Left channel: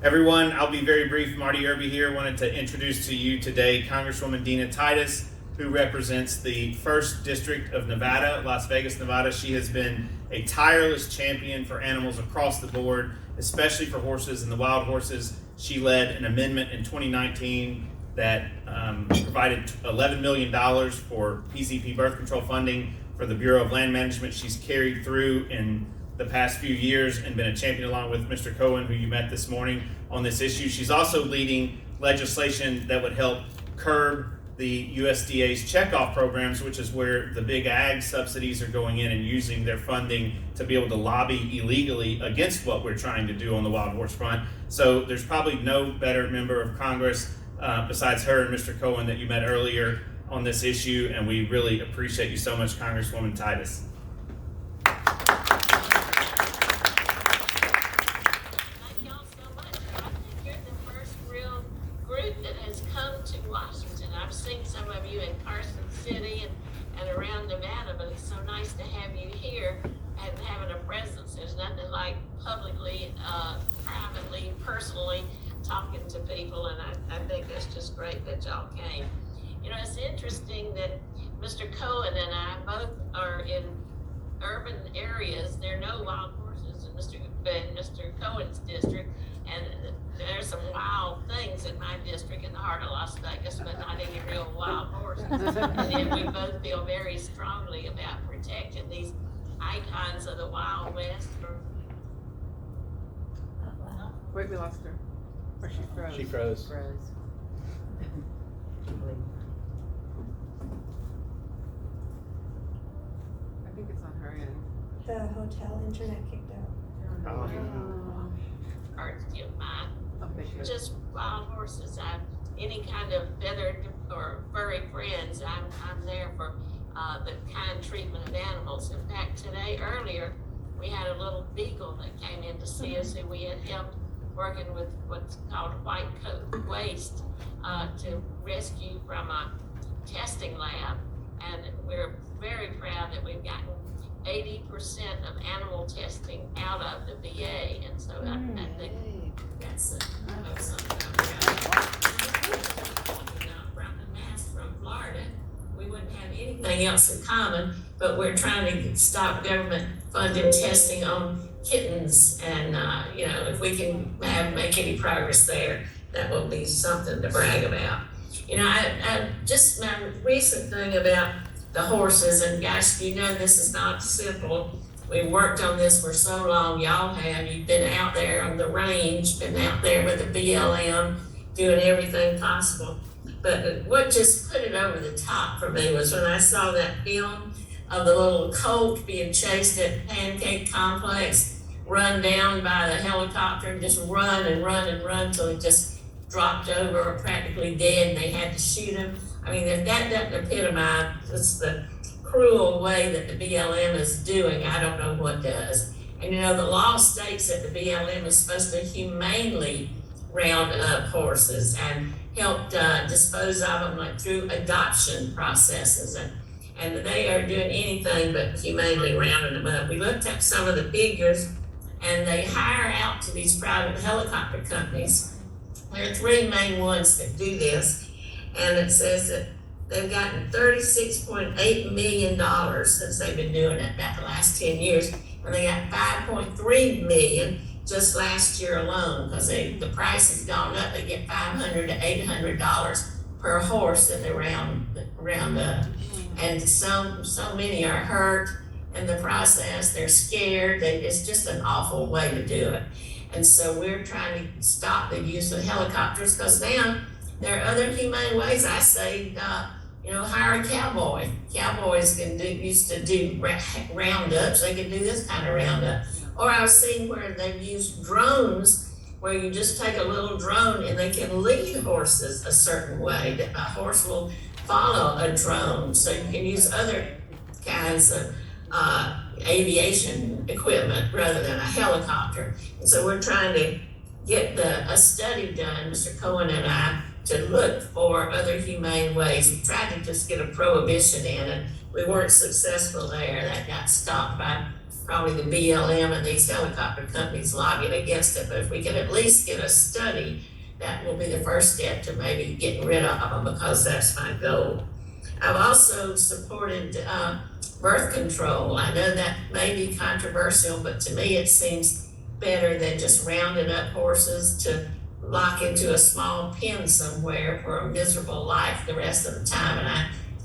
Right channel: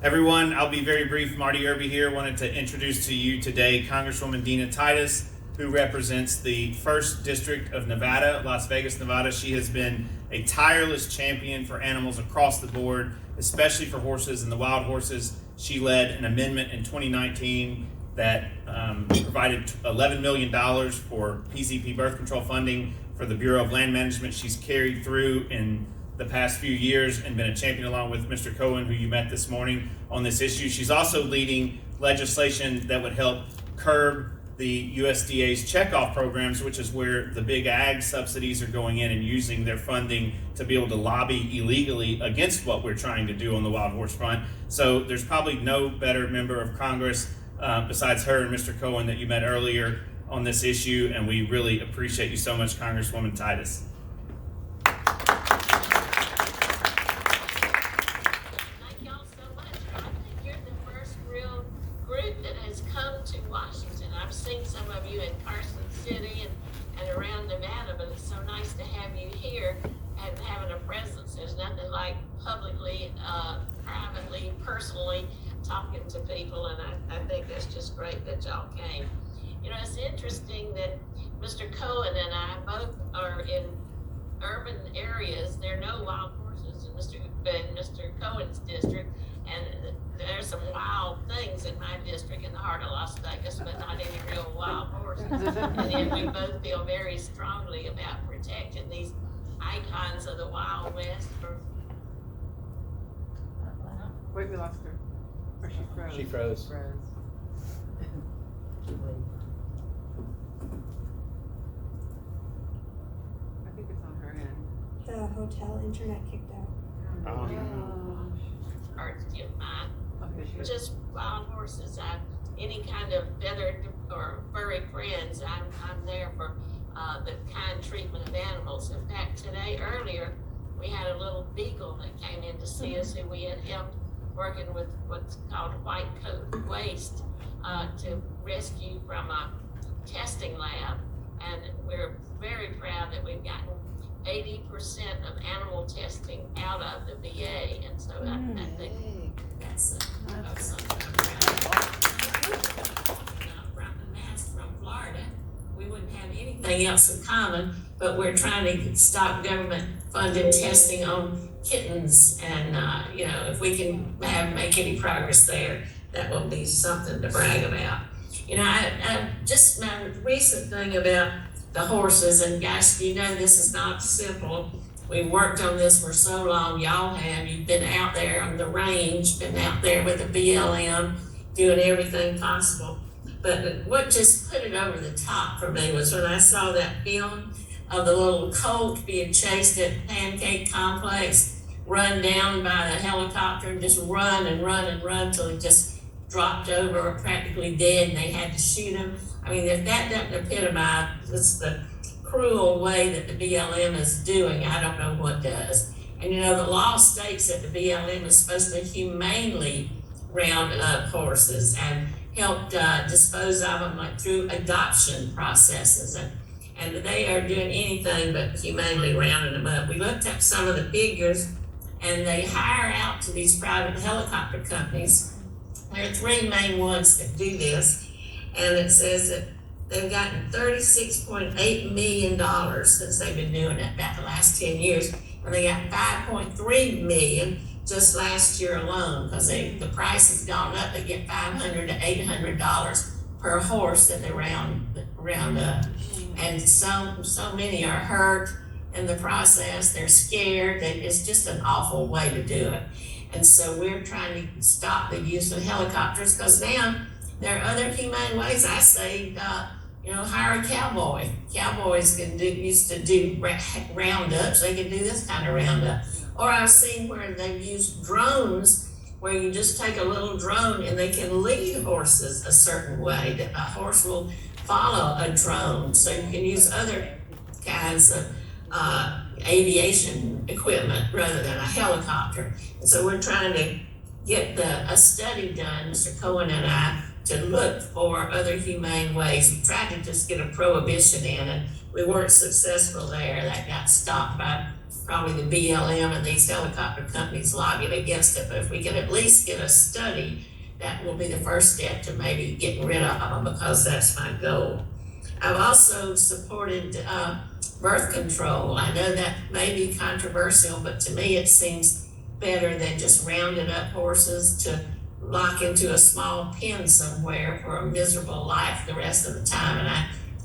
Everyone, I'll be very brief. Marty Irby here. Wanted to introduce to you today Congresswoman Dina Titus, who represents the 1st District of Nevada, Las Vegas, Nevada. She has been a tireless champion for animals across the board, especially for horses and the wild horses. She led an amendment in 2019 that provided $11 million for PCP birth control funding for the Bureau of Land Management. She's carried through in the past few years and been a champion along with Mr. Cohen, who you met this morning, on this issue. She's also leading legislation that would help curb the USDA's checkoff programs, which is where the big ag subsidies are going in and using their funding to be able to lobby illegally against what we're trying to do on the wild horse front. So there's probably no better member of Congress besides her and Mr. Cohen that you met earlier on this issue, and we really appreciate you so much, Congresswoman Titus. To Washington. I've seen some of you in Carson City and around Nevada, but it's so nice to have you here and having a presence. There's nothing like publicly, privately, personally talking to people, and I think that's just great that y'all came. You know, it's interesting that Mr. Cohen and I both are in urban areas. There are no wild horses in Mr. Cohen's district, and there's some wild things in my district in the heart of Las Vegas, but not any real wild horses. And then we both feel very strongly about protecting these icons of the Wild West. Wait, we lost her. Or she froze. She froze. I think it's on her end. The hotel internet kicked out. Parts of mine. Okay, Just wild horses. Any kind of feathered or furry friends, I'm there for the kind treatment of animals. In fact, earlier, we had a little beagle that came in to see us, who we had helped working with what's called white coat waste to rescue from a testing lab. And we're very proud that we've gotten 80% of animal testing out of the VA. And so I think that's from Florida. We wouldn't have anything else in common, but we're trying to stop government funded testing on kittens, and if we can make any progress there, that will be something to brag about. I just my recent thing about the horses, and guys, this is not simple. We've worked on this for so long. Y'all have. You've been out there on the range, been out there with the BLM, doing everything possible. But what just put it over the top for me was when I saw that film of the little colt being chased at Pancake Complex, run down by the helicopter and just run and run and run till it just dropped over or practically dead, and they had to shoot him. I mean, if that doesn't epitomize what's the cruel way that the BLM is doing, I don't know what does. And the law states that the BLM is supposed to humanely round up horses and help dispose of them like through adoption processes, and they are doing anything but humanely rounding them up. We looked at some of the figures, and they hire out to these private helicopter companies. There are 3 main ones that do this, and it says that they've gotten $36.8 million since they've been doing it about the last 10 years, and they got $5.3 million just last year alone, because the price has gone up. They get $500 to $800 per horse that they round up, and so many are hurt in the process. They're scared. It's just an awful way to do it. And so we're trying to stop the use of helicopters, because now there are other humane ways. I say, hire a cowboy. Cowboys used to do roundups. They can do this kind of roundup. Or I've seen where they've used drones, where you just take a little drone and they can lead horses a certain way. That a horse will follow a drone. So you can use other kinds of aviation equipment rather than a helicopter. And so we're trying to get a study done, Mr. Cohen and I, to look for other humane ways. We tried to just get a prohibition in it. We weren't successful there. That got stopped by probably the BLM and these helicopter companies lobbying against it. But if we could at least get a study, that will be the first step to maybe getting rid of them, because that's my goal. I've also supported birth control. I know that may be controversial, but to me it seems better than just rounding up horses to lock into a small pen somewhere for a miserable life the rest of the time. And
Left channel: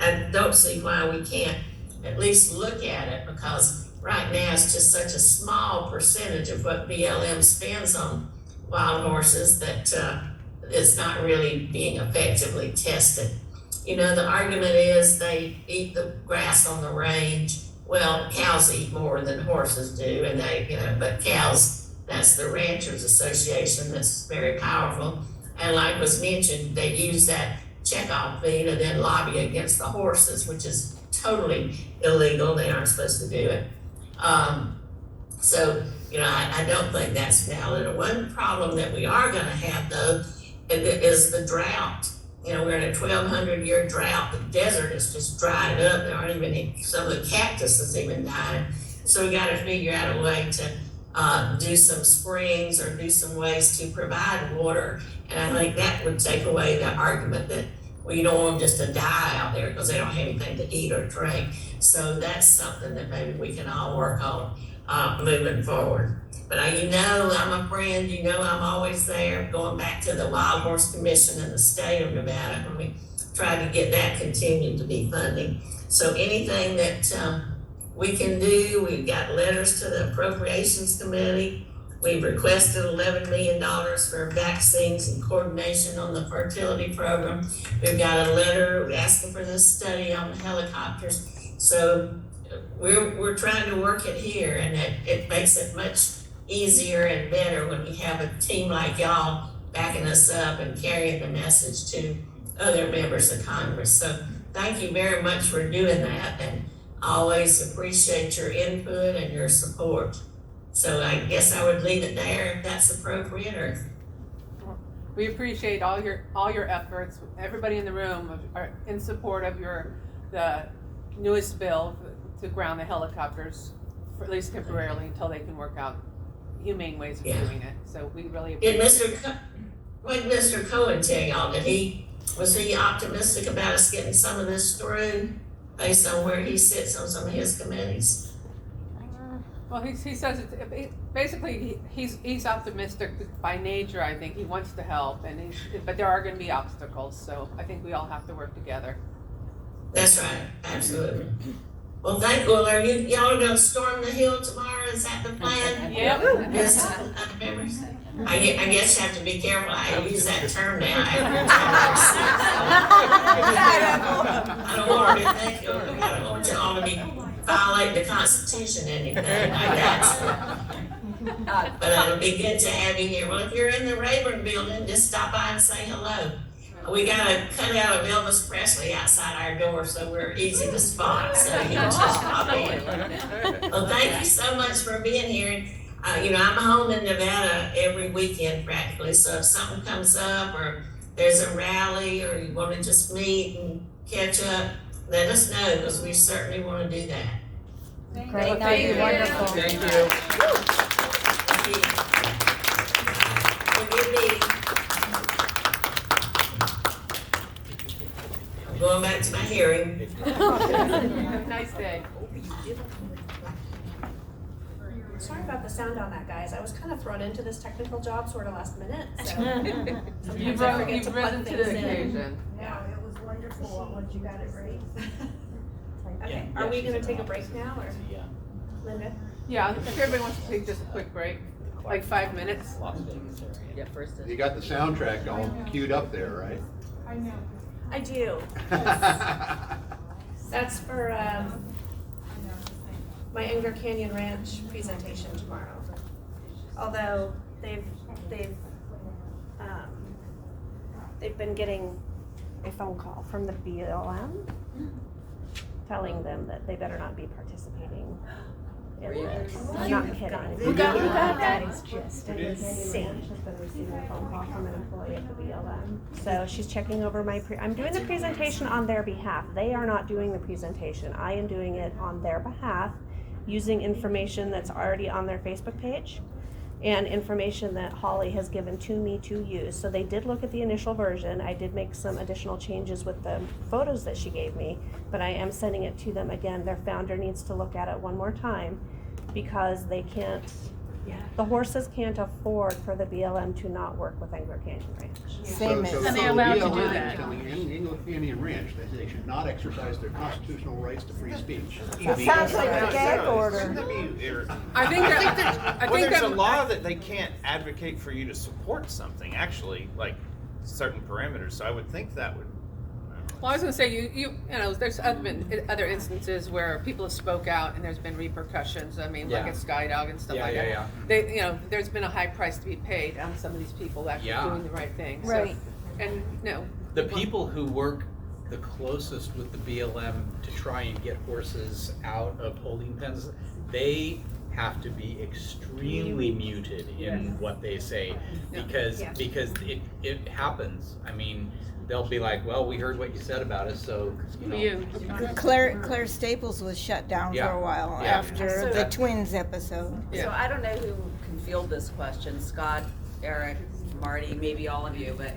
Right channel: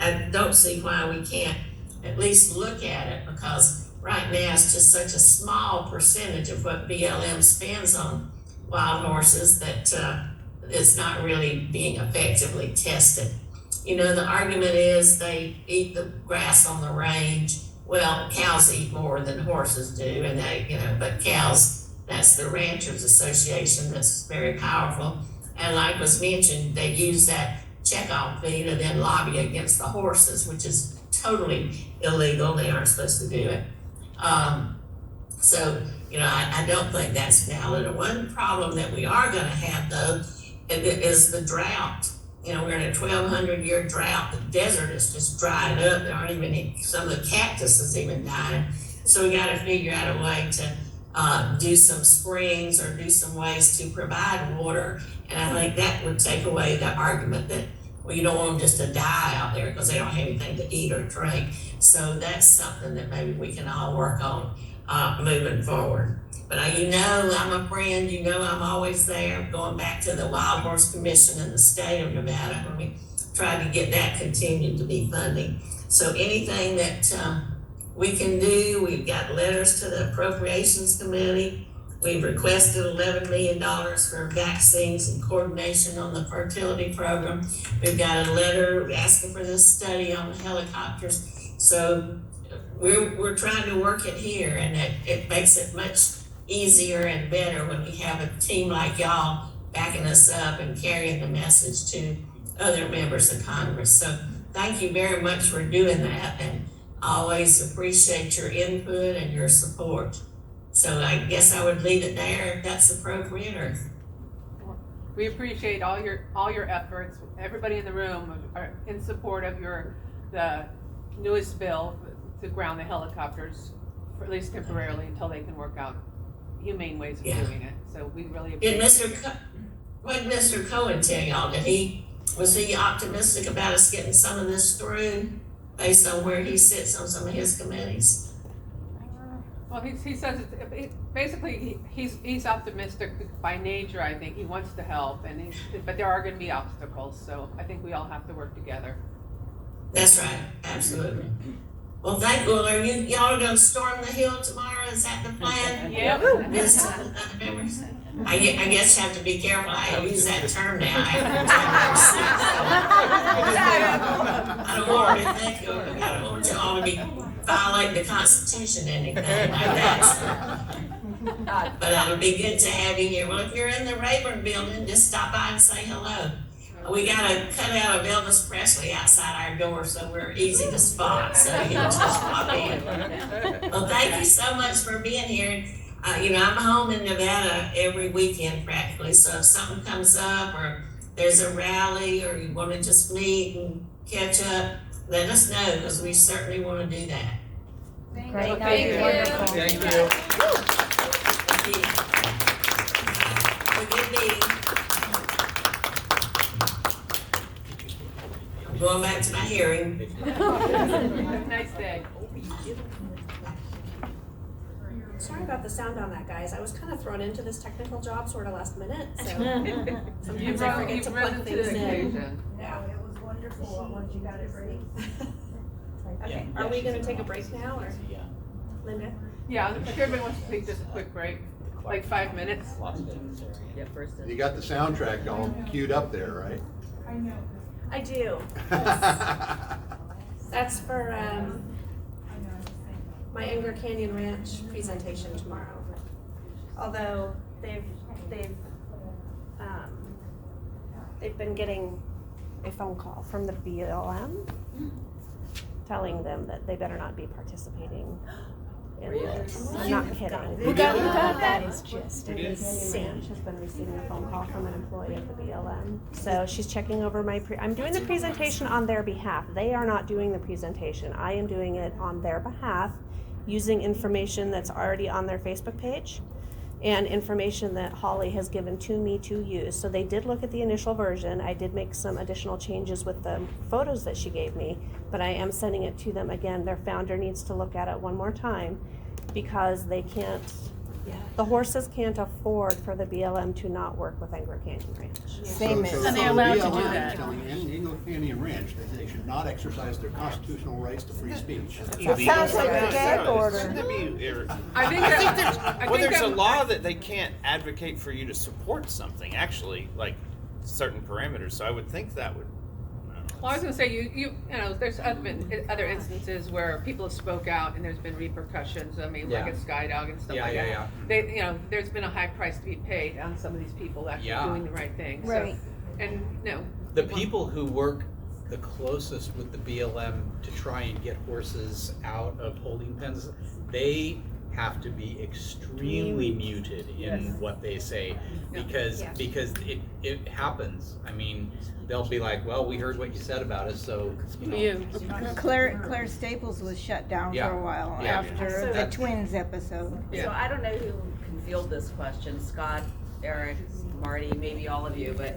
I don't see why we can't at least look at it, because right now it's just such a small percentage of what BLM spends on wild horses that is not really being effectively tested. You know, the argument is they eat the grass on the range. Well, cows eat more than horses do, and but cows, that's the Ranchers Association that's very powerful. And like was mentioned, they use that checkoff fee to then lobby against the horses, which is totally illegal. They aren't supposed to do it. So, I don't think that's valid. And one problem that we are gonna have though is the drought. We're in a 1,200-year drought. The desert is just dried up. There aren't even some of the cactus is even dying. So we got to figure out a way to do some springs or do some ways to provide water. And I think that would take away the argument that, well, you don't want them just to die out there because they don't have anything to eat or drink. So that's something that maybe we can all work on moving forward. But I'm a friend, I'm always there, going back to the Wild Horse Commission in the state of Nevada, and we tried to get that continued to be funding. So anything that we can do, we've got letters to the Appropriations Committee. We've requested $11 million for vaccines and coordination on the fertility program. We've got a letter asking for this study on the helicopters. So we're trying to work it here, and it makes it much easier and better when we have a team like y'all backing us up and carrying the message to other members of Congress. So thank you very much for doing that, and I always appreciate your input and your support. So I guess I would leave it there if that's appropriate. Or we appreciate all your efforts. Everybody in the room are in support of the newest bill to ground the helicopters, for at least temporarily, until they can work out humane ways of doing it. So we really appreciate what did Mr. Cohen tell y'all? Was he optimistic about us getting some of this through based on where he sits on some of his committees? Well, he says basically he's optimistic by nature. I think he wants to help, but there are going to be obstacles. So I think we all have to work together. That's right, absolutely. Well, are y'all gonna storm the Hill tomorrow? Is that the plan? Yeah. Members? I guess you have to be careful how you use that term now. I don't want you to think, I don't want you all to be violating the Constitution or anything like that. But it'll be good to have you here. Well, if you're in the Rayburn building, just stop by and say hello. We got a cutout of Elvis Presley outside our door, so we're easy to spot. So you can just pop in. Well, thank you so much for being here. I'm home in Nevada every weekend practically. So if something comes up, or there's a rally, or you want to just meet and catch up, let us know, because we certainly want to do that. Great. Thank you. Thank you. Have a good meeting. Going back to my hearing. Have a nice day. Sorry about the sound on that, guys. I was kind of thrown into this technical job sort of last minute, so sometimes I forget to plug things in. Yeah, it was wonderful once you got it ready. Okay, are we gonna take a break now, or Linda? Yeah, if everybody wants to take just a quick break, like 5 minutes. Las Vegas area. Yeah, first. You got the soundtrack going queued up there, right? I know. I do. That's for my Anger Canyon Ranch presentation tomorrow. Although they've been getting a phone call from the BLM telling them that they better not be participating in it. I'm not kidding. Who got That is just insane. She's been receiving a phone call from an employee of the BLM. So she's checking over I'm doing the presentation on their behalf. They are not doing the presentation. I am doing it on their behalf using information that's already on their Facebook page and information that Holly has given to me to use. So they did look at the initial version. I did make some additional changes with the photos that she gave me, but I am sending it to them again. Their founder needs to look at it one more time because they can't, the horses can't afford for the BLM to not work with Angler Canyon Ranch. Same as. So they're allowed to do BLM that. is telling Indian Ranch that they should not exercise their constitutional rights to free speech. It sounds like a gag order. I think There's a that, law that they can't advocate for you to support something, actually, like certain parameters, so I would think that would. well, I was gonna say, you know, there's other instances where people have spoke out and there's been repercussions. I mean, look Yeah. at Skydog and stuff like that. Yeah. They, you know, there's been a high price to be paid on some of these people actually Yeah. doing the right thing. So, Right. and, no. The people who work the closest with the BLM to try and get horses out of holding pens, they have to be extremely muted in what they say because it happens. I mean, they'll be like, well, we heard what you said about us, so, you know. Claire Staples was shut down Yeah. for a while Yeah. after So- the twins episode. So I don't know who can field this question, Scott, Eric, Marty, maybe all of you, but